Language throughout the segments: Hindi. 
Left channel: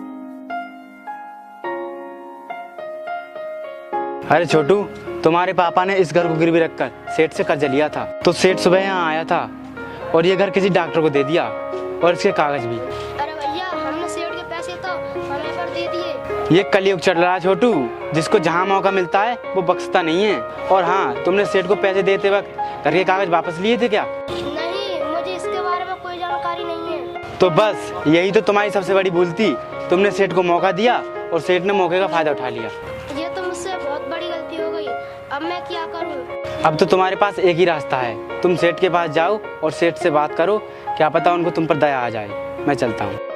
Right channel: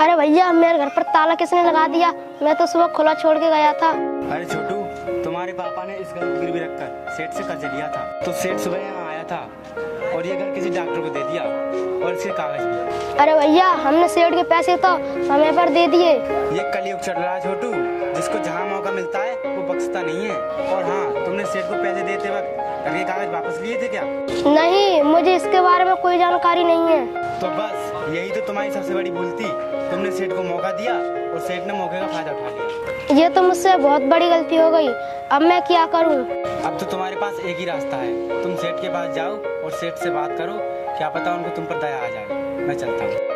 अरे भैया, मेरे घर पर ताला किसने लगा दिया? मैं तो सुबह खुला छोड़ के गया था। अरे छोटू, तुम्हारे पापा ने इस घर को गिरवी रखकर सेठ से कर्ज लिया था, तो सेठ सुबह यहाँ आया था और ये घर किसी डॉक्टर को दे दिया और इसके कागज भी। अरे भैया, हमने सेठ के पैसे तो समय पर दे दिए। ये कलयुग चल रहा है छोटू, जिसको जहाँ मौका मिलता है वो बख्शता नहीं है। और हाँ, तुमने सेठ को पैसे देते वक्त घर के कागज वापस लिए थे क्या? नहीं, मुझे इसके बारे में कोई जानकारी नहीं है। तो बस यही तो तुम्हारी सबसे बड़ी भूल थी। तुमने सेठ को मौका दिया और सेठ ने मौके का फायदा उठा लिया। ये तो मुझसे बहुत बड़ी गलती हो गई। अब मैं क्या करूं? अब तो तुम्हारे पास एक ही रास्ता है, तुम सेठ के पास जाओ और सेठ से बात करो, क्या पता उनको तुम पर दया आ जाए। मैं चलता हूँ।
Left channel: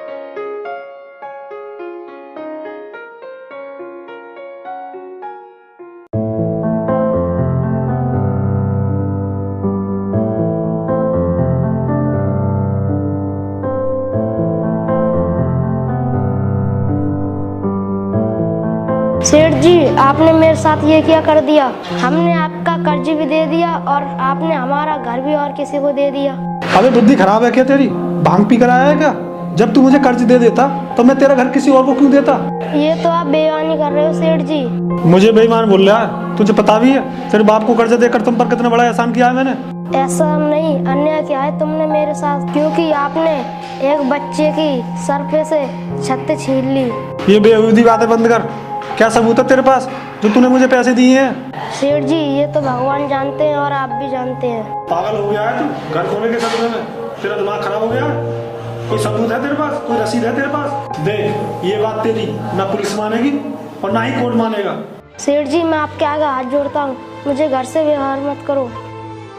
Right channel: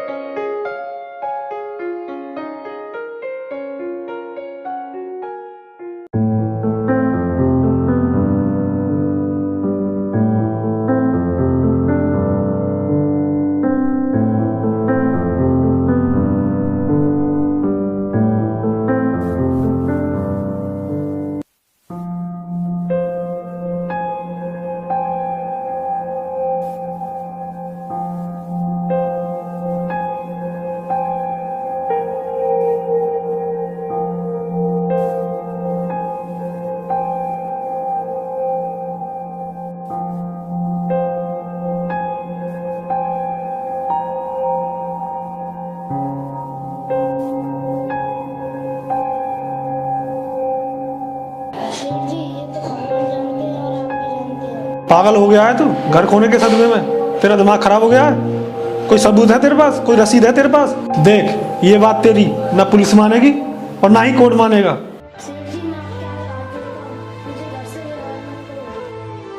सेठ जी, आपने मेरे साथ ये क्या कर दिया? हमने आपका कर्ज भी दे दिया और आपने हमारा घर भी और किसी को दे दिया। अबे बुद्धि खराब है क्या तेरी? भांग पी कर आया है क्या? जब तू मुझे कर्ज दे देता तो मैं तेरा घर किसी और को क्यों देता? ये तो आप बेईमानी कर रहे हो सेठ जी। मुझे बेईमान बोल रहा है? तुझे पता भी है तेरे बाप को कर्ज देकर तुम पर कितना बड़ा एहसान किया है मैंने? ऐसा नहीं, अन्याय किया है तुमने मेरे साथ, क्योंकि आपने एक बच्चे की सर पे से छत छीन ली। ये बेहूदी बातें बंद कर। क्या सबूत है तेरे पास जो तूने मुझे पैसे दिए हैं? सेठ जी, ये तो भगवान जानते हैं और आप भी जानते हैं। पागल हो गया है तू? घर खोने के सदमे में तेरा दिमाग खराब हो गया है? कोई सबूत है तेरे पास? कोई रसीद है तेरे पास? देख, ये बात तेरी ना पुलिस मानेगी और ना ही कोर्ट मानेगा। सेठ जी, मैं आपके आगे हाथ जोड़ता हूँ, मुझे घर से व्यवहार मत करो।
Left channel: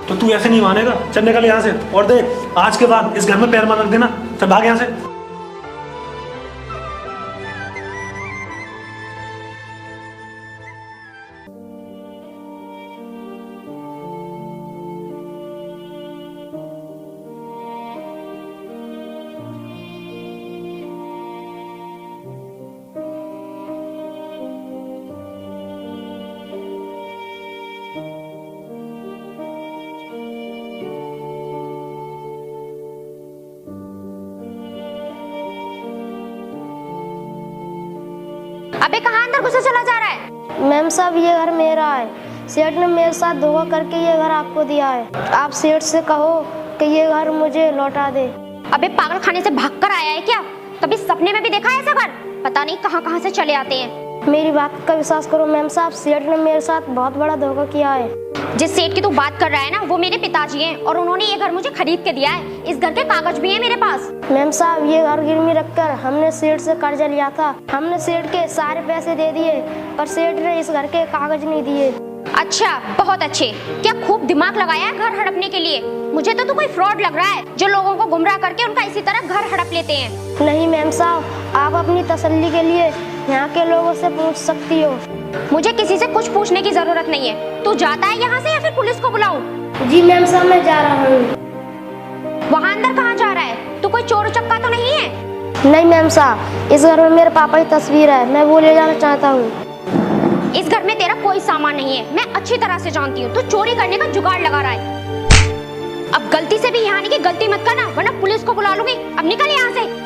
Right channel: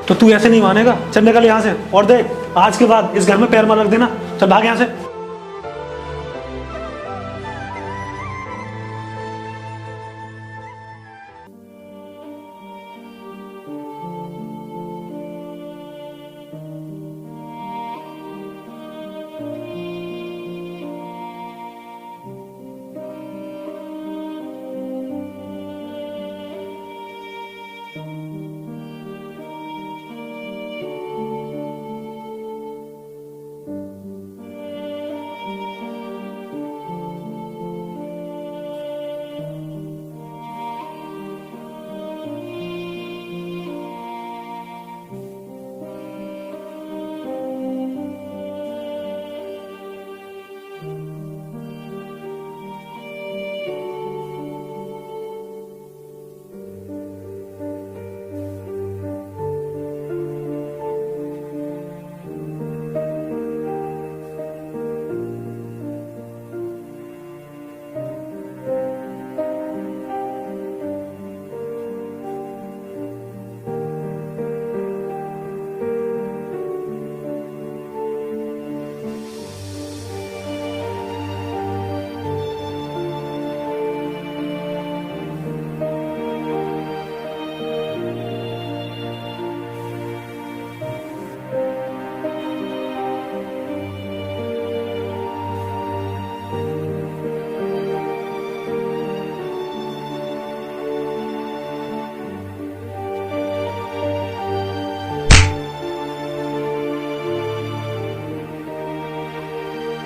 तो तू ऐसे नहीं मानेगा? चल निकल यहाँ से। और देख, आज के बाद इस घर में पैर मत रख देना। चल भाग यहाँ से। अबे कहाँ अंदर घुसे चला जा रहा है? मैम साहब, ये घर मेरा है। सेठ ने मेरे साथ धोखा करके ये घर आपको दिया है। आप सेठ से कहो कि ये घर मुझे लौटा दे। अबे पागल खाने से भाग कर आया है क्या? कभी सपने में भी देखा है ऐसा घर? पता नहीं कहाँ कहाँ से चले आते हैं। मेरी बात का विश्वास करो मैम साहब, सेठ ने मेरे साथ बहुत बड़ा धोखा किया है। जिस सेठ की तू बात कर रहा है ना, वो मेरे पिताजी हैं और उन्होंने ये घर मुझे खरीद के दिया है। इस घर के कागज भी हैं मेरे पास। मैम साहब, ये घर गिरवी रखकर हमने सेठ से कर्जा लिया था। हमने सेठ के सारे पैसे दे दिए, पर सेठ ने इस घर के कागज नहीं दिए। अच्छा, बहुत अच्छे। क्या खूब दिमाग लगाया है घर हड़पने के लिए? मुझे तो तू कोई फ्रॉड लग रहा है जो लोगों को गुमराह करके उनका इसी तरह घर हड़प लेते हैं। नहीं मैम साहब, आप अपनी तसल्ली के लिए यहाँ के लोगों से पूछ सकती हो। मुझे किसी से कुछ पूछने की जरूरत नहीं है। तू जाता है यहाँ से या फिर पुलिस को बुलाऊं? जी मैम साहब, मैं जा रहा हूँ। वहाँ अंदर कहाँ जा रहा है? तू कोई चोर उचक्का तो नहीं है? नहीं मैम साहब, इस घर में मेरे पापा की तस्वीर है, मैं वो ले जाना चाहता हूँ। इस घर में तेरा कोई सामान नहीं है, मैं अच्छी तरह से जानती हूँ। तू चोरी करने का जुगाड़ लगा रहा है। अब गलती से भी यहाँ आने की गलती मत करना, वरना पुलिस को बुला लूंगी। अब निकल यहाँ से।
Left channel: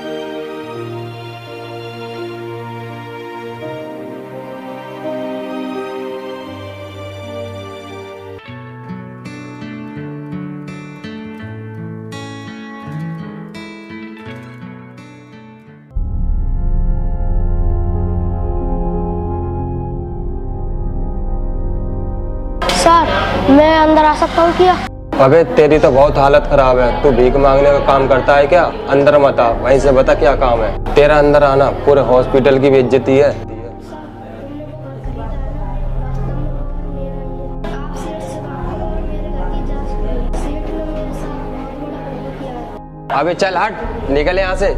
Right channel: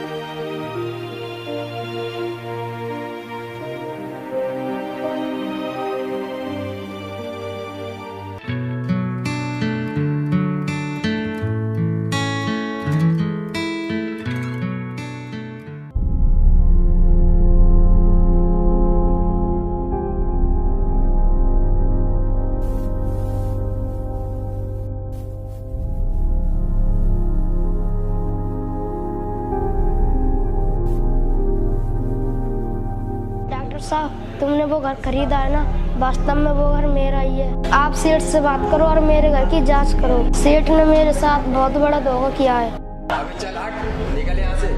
सर, मैं अंदर आ सकता हूँ क्या? अबे तेरी तो बहुत हालत खराब है। तू भीख मांगने का काम करता है क्या? अंदर मत आ, वहीं से बता क्या काम है तेरा। अंदर आना पूरे हॉस्पिटल की बेइज्जती है। डॉक्टर साहब, तुमने वो घर खरीदा है ना, वास्तव में वो घर मेरा ही है। आप सेठ से बात करो और मेरे घर की जांच करो। सेठ ने मेरे साथ बहुत बड़ा धोखा किया है। अबे चल हट, निकल यहाँ से।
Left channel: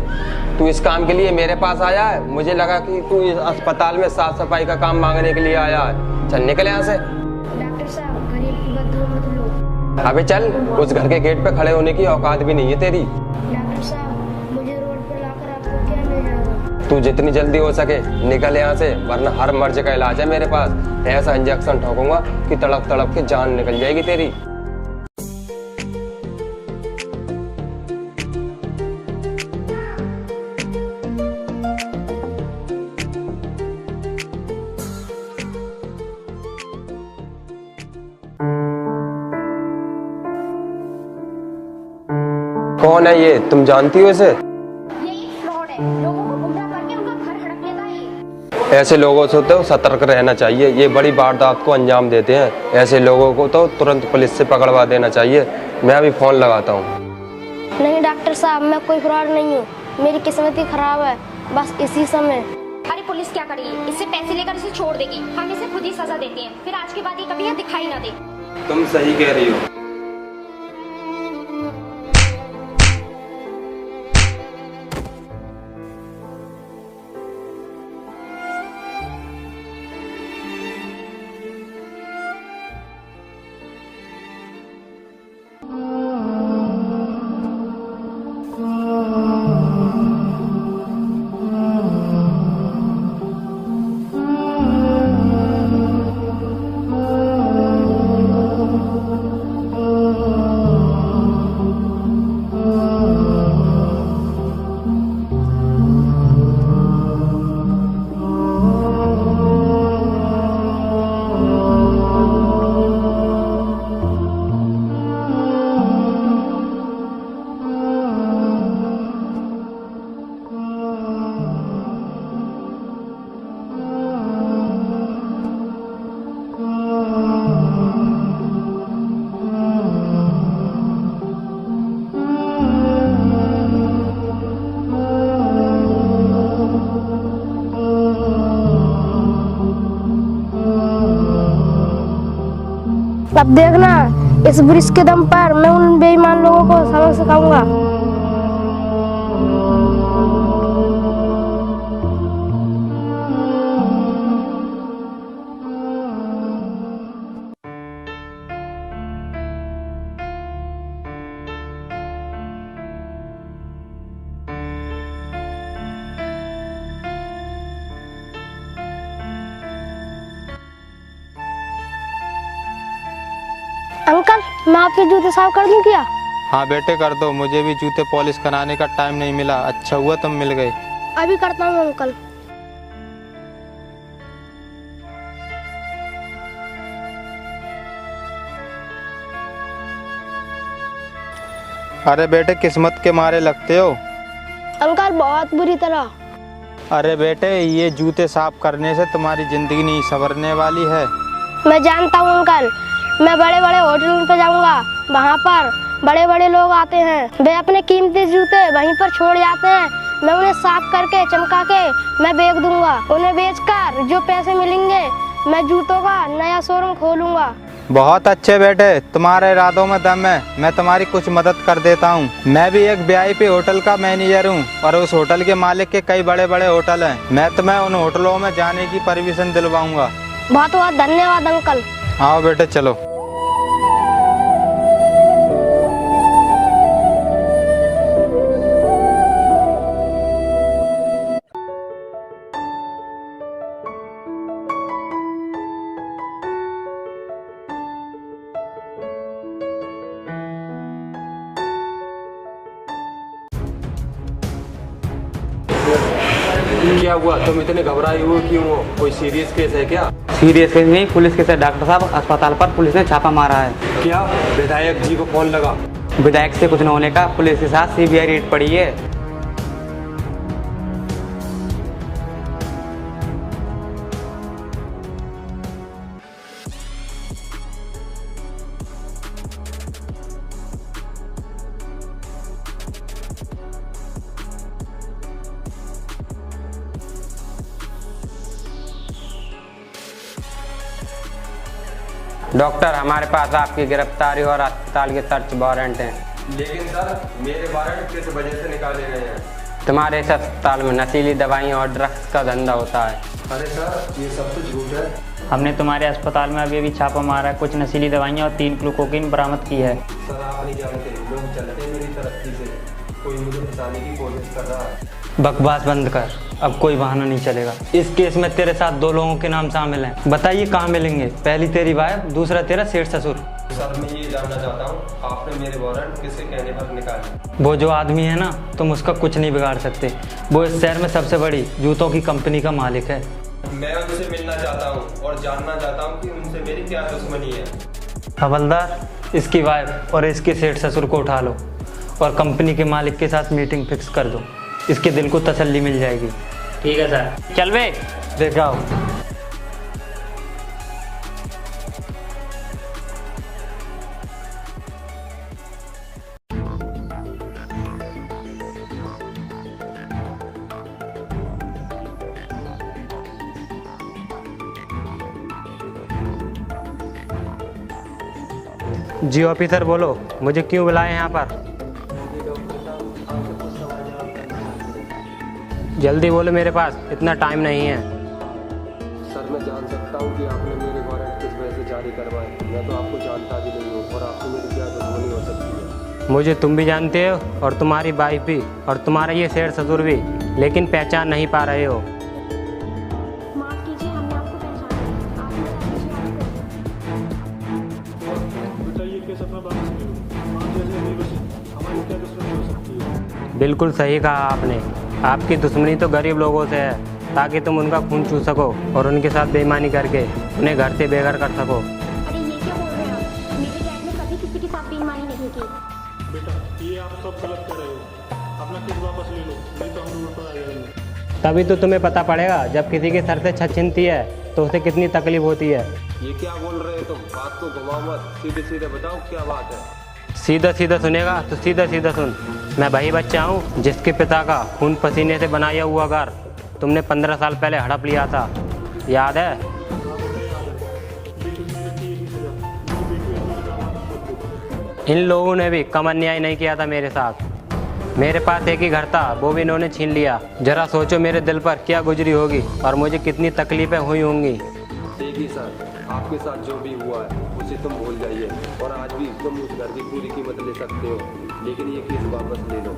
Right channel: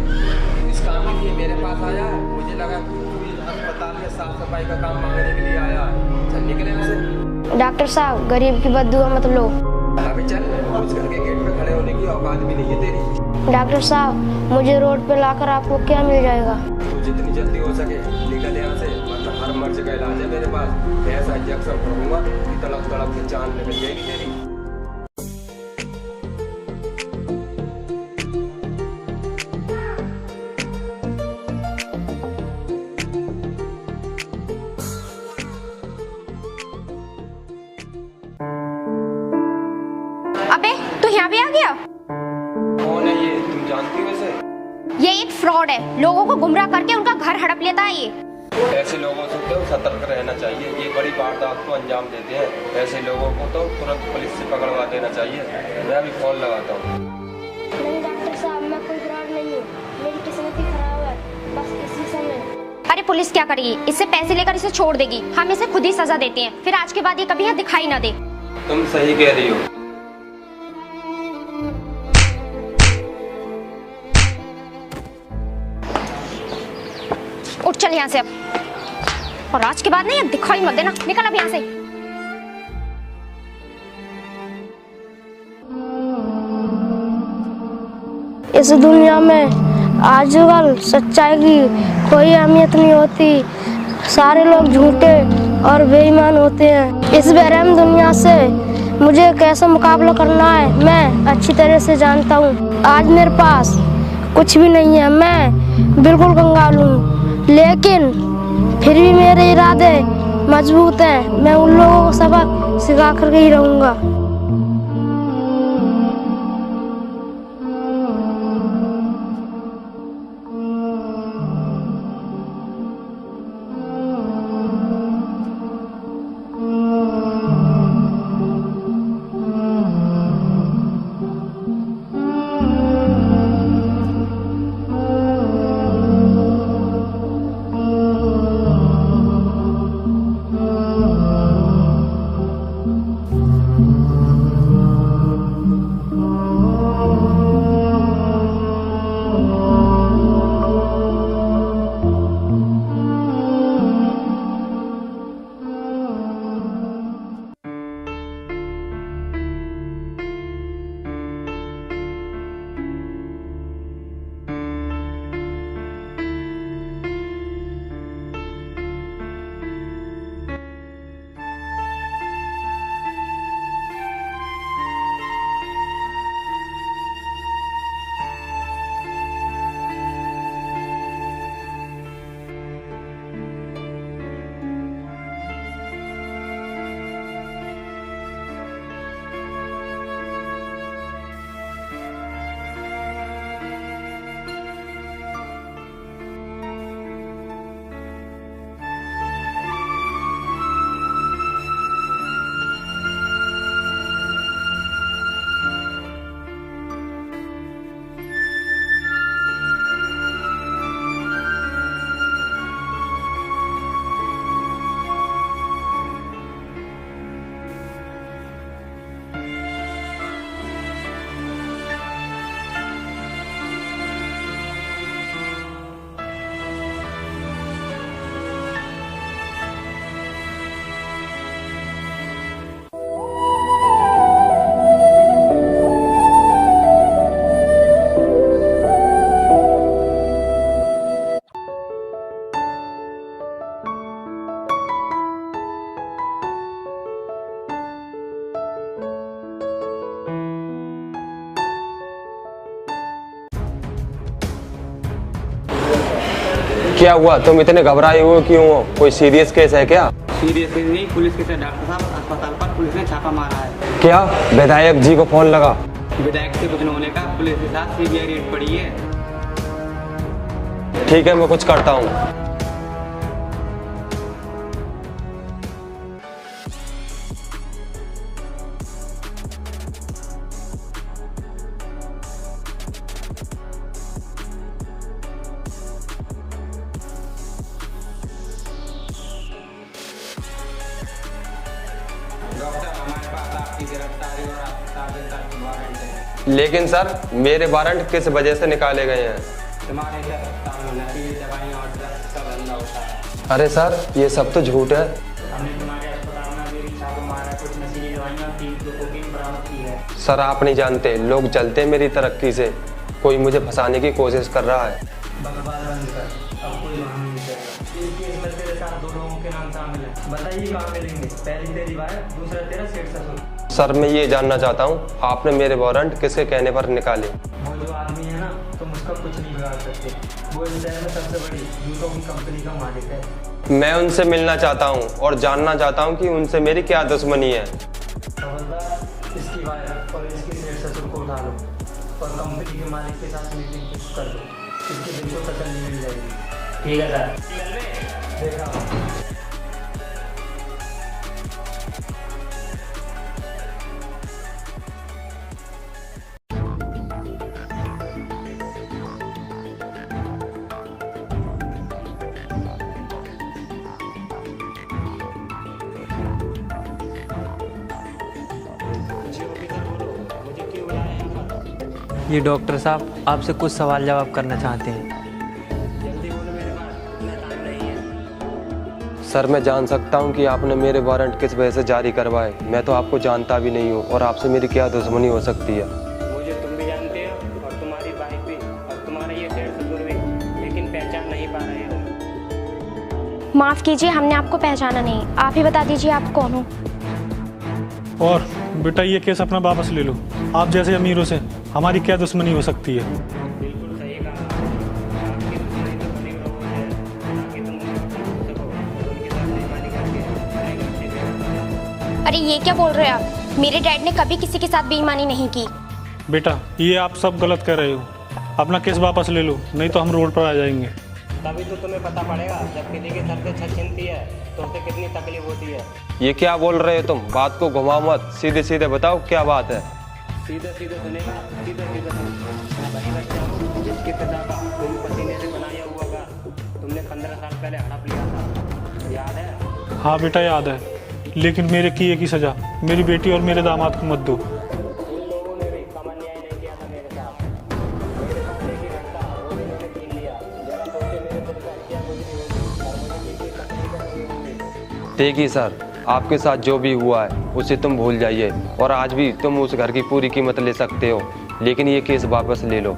तू इस काम के लिए मेरे पास आया है? मुझे लगा कि तू इस अस्पताल में साफ सफाई का काम मांगने के लिए आया है। चल निकल यहाँ से। डॉक्टर साहब, गरीब की बददुआ मत लो। अबे चल, उस घर के गेट पे खड़े होने की औकात भी नहीं है तेरी। डॉक्टर साहब, मुझे रोड पे लाकर आपको क्या मिल जाएगा? तू जितनी जल्दी हो सके निकल यहाँ से, वरना हर मर्ज का इलाज है मेरे पास। ऐसा इंजेक्शन ठोकूंगा कि तड़प तड़प के जान निकल जाएगी तेरी। कौन है ये, तुम जानती हो इसे? ये एक फ्रॉड है, लोगों को गुमराह करके उनका घर हड़प लेता है ये। ऐसे लोगों से तो सतर्क रहना चाहिए, ये बड़ी वारदात को अंजाम देते हैं। ऐसे लोगों को तो तुरंत पुलिस से पकड़वा देना चाहिए। मैं अभी फोन लगाता हूँ। नहीं डॉक्टर साहब, मैं कोई फ्रॉड नहीं हूँ, मेरी किस्मत ही खराब है, बस इसी समय। अरे पुलिस क्या करेगी, इससे पैसे लेकर इसे छोड़ देगी। हम इसे खुद ही सजा देते हैं, फिर आज के बाद ये कभी यहाँ दिखाई ना दे। तुम सही कह रही हो। उठ चल यहाँ से अब, और आज के बाद नहीं, अब दिखाई मत देना, निकल अब यहाँ से। इस दुनिया में आजकल सच्चाई की कोई अहमियत नहीं होती, सारे लोग झूठे और बेईमान होते हैं। इस बेरहम दुनिया से मुझे कैसे मुकाबला करना है मैं अच्छी तरह से जानता हूँ। आज मेरे पास कुछ भी नहीं है, मैं बिल्कुल कंगाल हूँ, लेकिन फिर भी मेरे इरादे मजबूत हैं। मैं उन लोगों को सबक सिखा कर ही रहूँगा। अब देखना, इस ब्रिज के दम पर मैं उन बेईमान लोगों को सबक सिखाऊंगा। अंकल, मैं आपके जूते साफ कर दूं क्या? हाँ बेटे कर दो, मुझे भी जूते पॉलिश कराने का टाइम नहीं मिला। अच्छा हुआ तुम मिल गए। अभी करता हूँ अंकल। अरे बेटे किस्मत के मारे लगते हो। अंकल बहुत बुरी तरह। अरे बेटे ये जूते साफ करने से तुम्हारी जिंदगी नहीं संवरने वाली है। मैं जानता हूँ अंकल, मैं बड़े बड़े होटलों पे जाऊंगा, वहाँ पर बड़े बड़े लोग आते हैं, वे अपने कीमती जूते वहीं पर छोड़ जाते हैं। मैं उन्हें साफ करके चमका के मैं बेच दूंगा। उन्हें बेचकर जो पैसे मिलेंगे मैं जूतों का नया शोरूम खोलूंगा। बहुत अच्छे बेटे, तुम्हारे इरादों में दम है। मैं तुम्हारी कुछ मदद कर देता हूँ। मैं भी एक VIP होटल का मैनेजर हूँ और उस होटल के मालिक के कई बड़े बड़े होटल हैं। मैं तुम्हें उन होटलों में जाने की परमिशन दिलवाऊंगा। बहुत बहुत धन्यवाद अंकल। आओ बेटे चलो। क्या हुआ, तुम इतने घबराए हो क्यों हो? कोई सीरियस केस है क्या? सीरियस केस नहीं, पुलिस केस है डॉक्टर साहब। अस्पताल पर पुलिस ने छापा मारा है। क्या? विधायक जी को फोन लगा। विधायक से कुछ न होने का, पुलिस के साथ CBI रेड पड़ी है। ठीक है, मैं कुछ करता हूँ। डॉक्टर, हमारे पास आपकी गिरफ्तारी और अस्पताल के सर्च वारंट हैं। लेकिन सर, मेरे वारंट किस वजह से निकाले गए हैं? तुम्हारे इस अस्पताल में नशीली दवाइयाँ और ड्रग्स का धंधा होता है। अरे सर, ये सब तो झूठ है। हमने तुम्हारे अस्पताल में अभी छापा मारा है, कुछ नशीली दवाइयाँ और 3 किलो कोकीन बरामद की है। सर आप नहीं जानते, लोग जलते हैं मेरी तरक्की से। कोई मुझे फंसाने की कोशिश कर रहा है। बकवास बंद कर, अब कोई बहाना नहीं चलेगा। इस केस में तेरे साथ 2 लोगों के नाम शामिल हैं। बताइए कहाँ मिलेंगे? पहली तेरी वाइफ, दूसरा तेरा सेठ ससुर। सर मैं ये जानना चाहता हूँ, आपने मेरे वारंट किसके कहने पर निकाले? वो जो आदमी है ना, तुम उसका कुछ नहीं बिगाड़ सकते। वो इस शहर में सबसे बड़ी जूतों की कंपनी का मालिक है। मैं उनसे मिलना चाहता हूँ और जानना चाहता हूँ कि उनसे मेरी क्या दुश्मनी है। हवलदार, इसकी वाइफ और इसके सेठ ससुर को उठा लो और कंपनी के मालिक के साथ मीटिंग फिक्स कर दो। इसके दिल को तसल्ली मिल जाएगी। ठीक है सर, चल बे। देखा हो। जी ऑफिसर बोलो, मुझे क्यों बुलाए यहाँ पर? ये डॉक्टर साहब आपसे कुछ सवाल जवाब करना चाहते हैं। जल्दी बोलो, मेरे पास इतना टाइम नहीं है। सर मैं जान सकता हूँ कि आपने मेरे वारंट किस वजह से जारी करवाए? मैं तो आपको जानता भी नहीं हूँ और आपसे मेरी क्या दुश्मनी हो सकती है? मुझे तुम भी जानते हो और तुम्हारी वाइफ भी और तुम्हारा ये सेठ ससुर भी, लेकिन पहचान नहीं पा रहे हो। माफ कीजिए, हमने आपको पहचाना नहीं। आप ही बता दीजिए आप कौन हो। और बेटा ये केस अपना वापस ले लो। आप जैसे अमीरों से हमारी क्या दुश्मनी हो सकती है? बिल्कुल सही कहा आपने। आपकी दुश्मनी तो गरीब लोगों से है, ताकि तुम उनका खून चूस सको और उनके साथ बेईमानी करके उन्हें घर से बेघर कर सको। अरे ये क्या बोल रहे हैं आप? मेरे डैड ने कभी किसी के साथ बेईमानी नहीं की। बेटा ये आप सब गलत कर रहे हो। अपना केस वापस ले लो, नहीं तो हम रोड पर आ जाएंगे। तभी तो तुम्हें पता पड़ेगा, जब किसी के सर से छत छिनती है तो उसे कितनी तकलीफ होती है। ये क्या बोल रहे हो तुम? बात को घुमाओ मत, सीधे सीधे बताओ क्या बात है। सीधा सीधा सुनेगा तो सीधा सीधा सुन। मैं वही बच्चा हूँ जिसके पिता का खून पसीने से बनाया हुआ घर तुमने 15 साल पहले हड़प लिया था, याद है? हाँ बेटा याद है, लेकिन मेरे किए की सजा मेरी बेटी और मेरे दामाद को मत दो। इन लोगों ने भी कम अन्याय नहीं किया था मेरे साथ। मेरे पास एक ही घर था, वो भी इन्होंने छीन लिया। जरा सोचो मेरे दिल पर क्या गुजरी होगी और मुझे कितनी तकलीफें हुई होंगी। देखिए सर, आपके साथ जो भी हुआ है उसे तुम भूल जाइए और आज भी तुम उस घर की पूरी कीमत ले सकते हो, लेकिन ये केस वापस ले लो।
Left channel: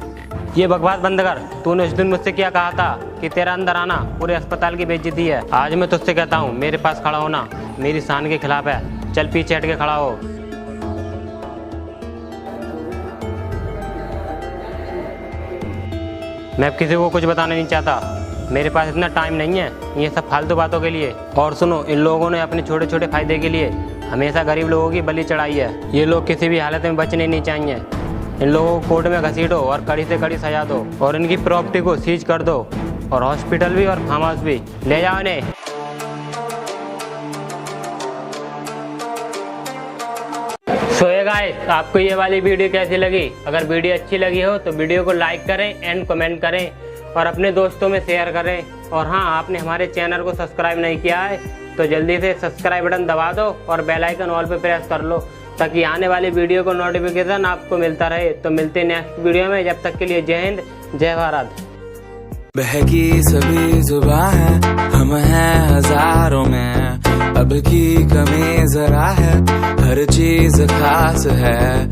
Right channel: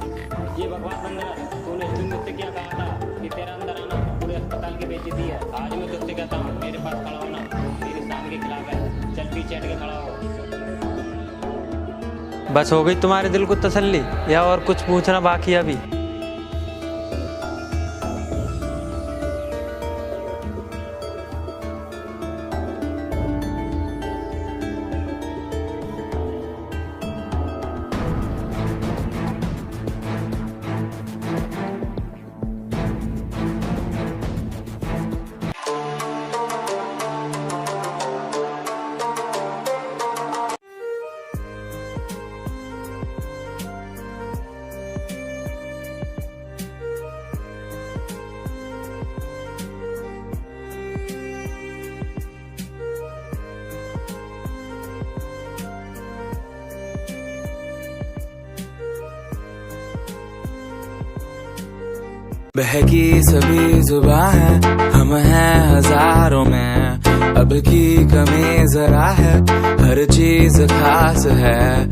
ये बकवास बंद कर। तूने उस दिन मुझसे क्या कहा था कि तेरा अंदर आना पूरे अस्पताल की बेइज्जती है? आज मैं तुझसे कहता हूँ, मेरे पास खड़ा होना मेरी शान के खिलाफ है। चल पीछे हट के खड़ा हो। बस हो गई तुम्हारे दिल को तसल्ली या और कुछ पूछना बाकी अभी? मैं अब किसी को कुछ बताना नहीं चाहता। मेरे पास इतना टाइम नहीं है ये सब फालतू बातों के लिए। और सुनो, इन लोगों ने अपने छोटे छोटे फायदे के लिए हमेशा गरीब लोगों की बलि चढ़ाई है। ये लोग किसी भी हालत में बचने नहीं चाहिए। इन लोगों को कोर्ट में घसीटो और कड़ी से कड़ी सजा दो और इनकी प्रॉपर्टी को सीज कर दो और हॉस्पिटल भी और फार्म हाउस भी ले जाओ इन्हें। सो गाइस, आपको ये वाली वीडियो कैसी लगी? अगर वीडियो अच्छी लगी हो तो वीडियो को लाइक करें एंड कमेंट करें और अपने दोस्तों में शेयर करें। और हाँ, आपने हमारे चैनल को सब्सक्राइब नहीं किया है तो जल्दी से सब्सक्राइब बटन दबा दो और बेल आइकन ऑल पे प्रेस कर लो, ताकि आने वाली वीडियो को नोटिफिकेशन आपको मिलता रहे। तो मिलते हैं नेक्स्ट वीडियो में, जब तक के लिए जय हिंद, जय भारत। बहकी सभी जुबां है, हम हैं हजारों में, अब की कमी जरा है, हर चीज खास है।